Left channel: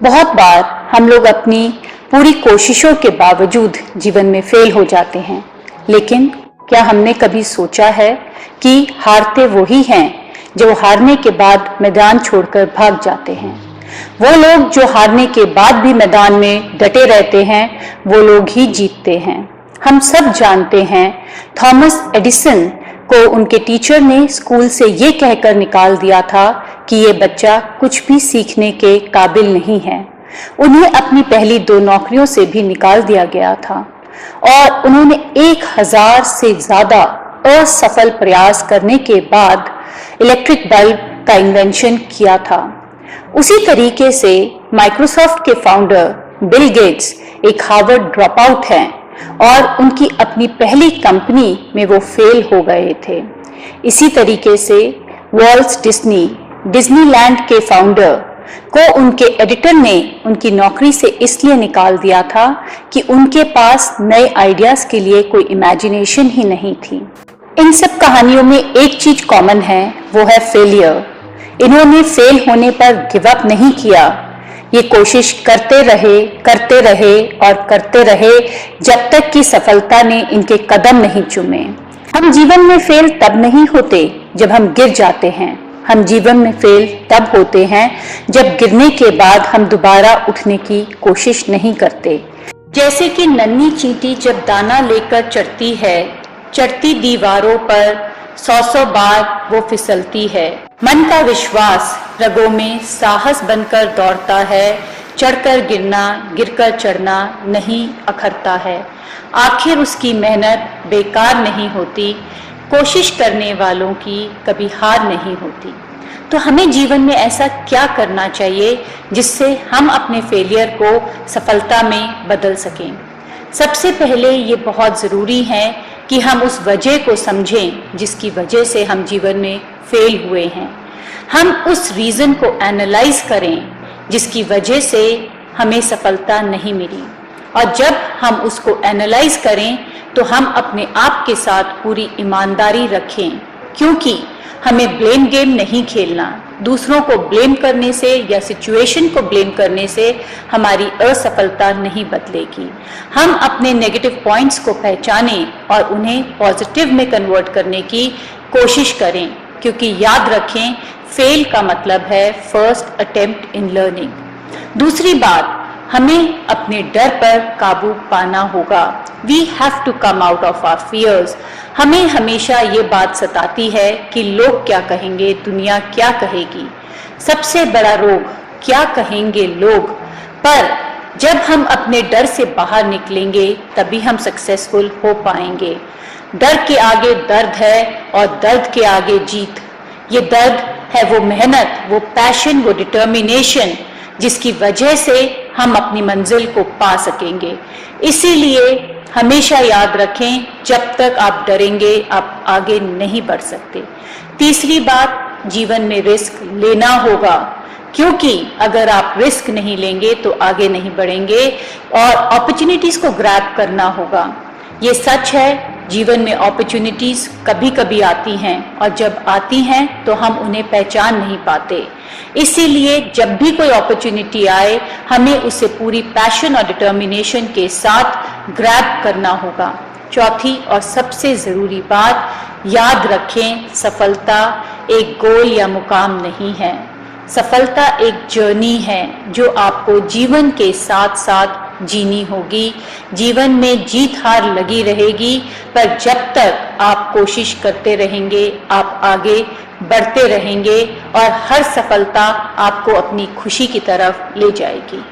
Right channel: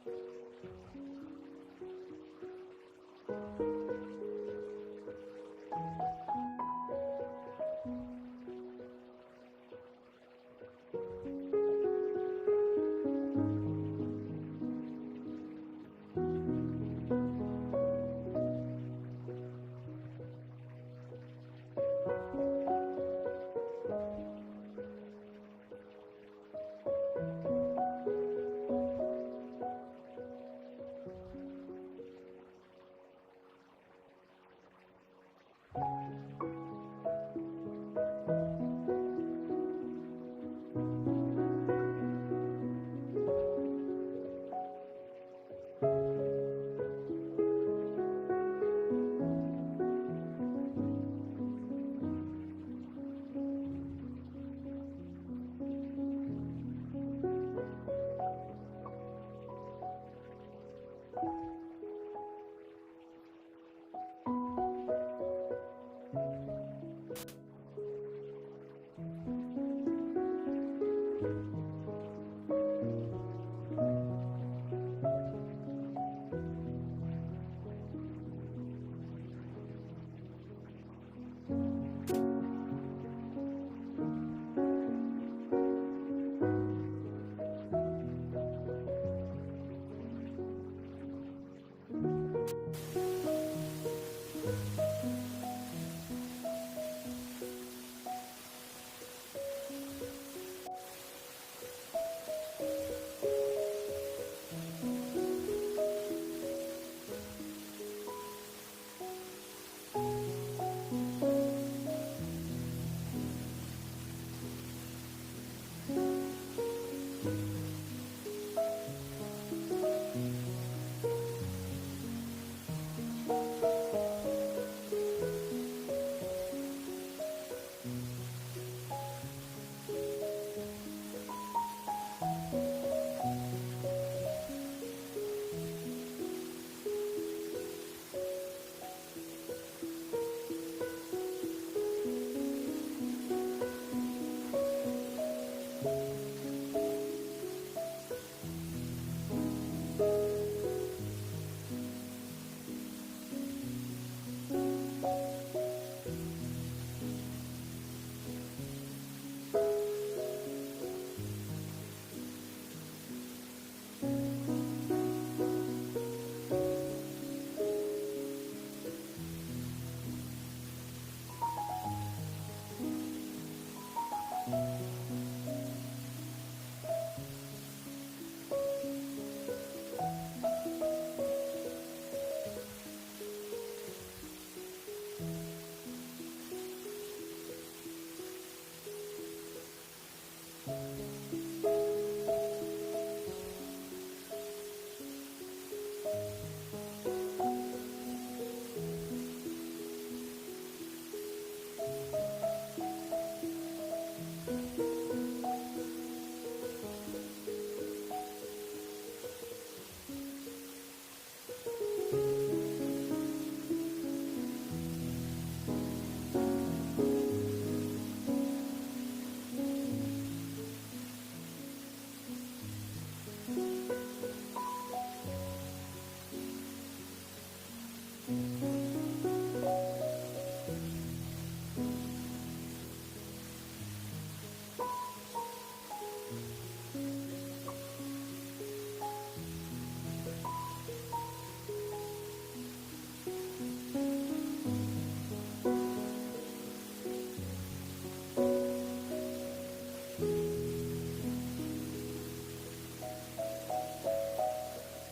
बहुत बार हम लोग अपनी पूरी कोशिशों के बावजूद जीवन में फेल हो जाते हैं, लेकिन क्या हमने कभी सोचा है कि हारते वही हैं जो हारने के बाद मैदान छोड़कर भाग जाते हैं। वो लोग जो हारने के बाद भी मैदान में डटे रहते हैं, वो लोग ही जीतते हैं। हम सब जानते हैं, थॉमस एडिसन को उनके टीचर ने स्कूल से ये कहकर निकाल दिया था कि ये बच्चा कुछ भी सीखने के काबिल नहीं है। उन्हें अपनी पहली 2 नौकरियों से भी निकाल दिया गया था और उन्होंने 1000 से ज्यादा असफल प्रयास करने के बाद इलेक्ट्रिक बल्ब का इन्वेंशन किया था। उसी तरीके से माइक्रोसॉफ्ट के फाउंडर बिल गेट्स एक हार्वर्ड ड्रॉप आउट हैं और उनकी अपनी पहली कंपनी में वो फेल हो गए थे। इसी तरीके से वॉल्ट डिज्नीलैंड के फाउंडर को उनके एडिटर ने उनकी नौकरी से इसलिए निकाल दिया था कि उनके पास नए आइडियाज के लिए कोई इमेजिनेशन ही नहीं थी। इन सब कहानियों में एक चीज कॉमन है, वो है फेलियर। इन्होंने फेल होने पर गिव अप नहीं किया, ये कोशिश करते रहे और करते रहे जब तक कि सफलता ने इनके कदम नहीं चूमे। हम जीवन में फेल तब नहीं होते जब हम गिर जाते हैं, हम जीवन में फेल तब होते हैं जब गिरने के बाद हम दोबारा उठने की कोशिश नहीं करते। जैसे कि नन्ही चींटी जब दाना लेकर चढ़ती है, चढ़ती दीवारों पर 100 बार वो फिसलती है। मन का विश्वास रगों में साहस बनकर दौड़ता है, चढ़कर गिरना गिरकर चढ़ना नहीं अखरता है। आखिर उसकी मेहनत बेकार नहीं होती, कोशिश करने वालों की कभी हार नहीं होती। तो हमें जीवन में ऐसा क्या करना चाहिए जिससे हम अपने फेलियर को सफलता में बदल सकें। सबसे पहले ये बहुत ज़रूरी है कि हम उस वजह को समझें जिसकी वजह से हम जीवन में फेल हुए हैं। हम उस रीज़न को एनालाइज करें जिसकी वजह से हमें सफलता नहीं मिली, और जब हम उसको एनालाइज करें तो हम अपने आप के साथ पूरी ईमानदारी रखें, क्योंकि हमें ब्लेम गेम नहीं खेलना। दूसरों को ब्लेम करने से या सिचुएशन को ब्लेम करने से हमारी असफलता नहीं बदलेगी। हम अपने नेगेटिव पॉइंट्स को पहचानें और उन्हें पॉजिटिव में कन्वर्ट करने की कोशिश करें, क्योंकि याद रखें, फेल का मतलब है फर्स्ट अटेम्प्ट इन लर्निंग। दूसरी बात, हमें अपने डर पर काबू पाना होगा। We have to come out of our fears. हमें हमेशा ये बात सताती है कि लोग क्या कहेंगे, दुनिया क्या कहेगी। सबसे बड़ा रोग क्या कहेंगे लोग, पर जब हम अपने डर से बाहर निकलेंगे तभी हम सक्सेसफुल हो पाएंगे। डर के आगे दर्द है और दर्द के आगे जीत। ये दर्द है वो मेहनत, वो पैशन, वो डिटर्मिनेशन जिसकी वजह से हम अपनी मंजिल को पा सकेंगे। इसीलिए हमेशा याद रखें, जब तक आप डरेंगे आप आगे नहीं बढ़ सकते। तीसरी बात, जीवन में रिस्क लेना होगा, क्योंकि अगर आप रिस्क नहीं लेंगे तो आगे नहीं बढ़ेंगे, और अपॉर्चुनिटीज को ग्रैब करना होगा। ये सच है, जीवन में अपॉर्चुनिटीज कभी कभी आती हैं और जब आती हैं तो हम उन्हें पहचान नहीं पाते। इसीलिए जब भी कोई अपॉर्चुनिटी आए हमें उसे पूरी पैशन और डिटर्मिनेशन के साथ ग्रैब करना होगा। चौथी और सबसे ज़रूरी बात, याद रखें, सफलता एक गोल या मुकाम नहीं है। सफलता एक जर्नी है जो आपको जीवन के साथ साथ जीनी होगी। जीवन में जीत हार लगी रहेगी, पर जब तक आप कोशिश करते रहेंगे आप आगे बढ़ते रहेंगे और हर सफलता आपको अपनी खुशी की तरफ ले जाएगी।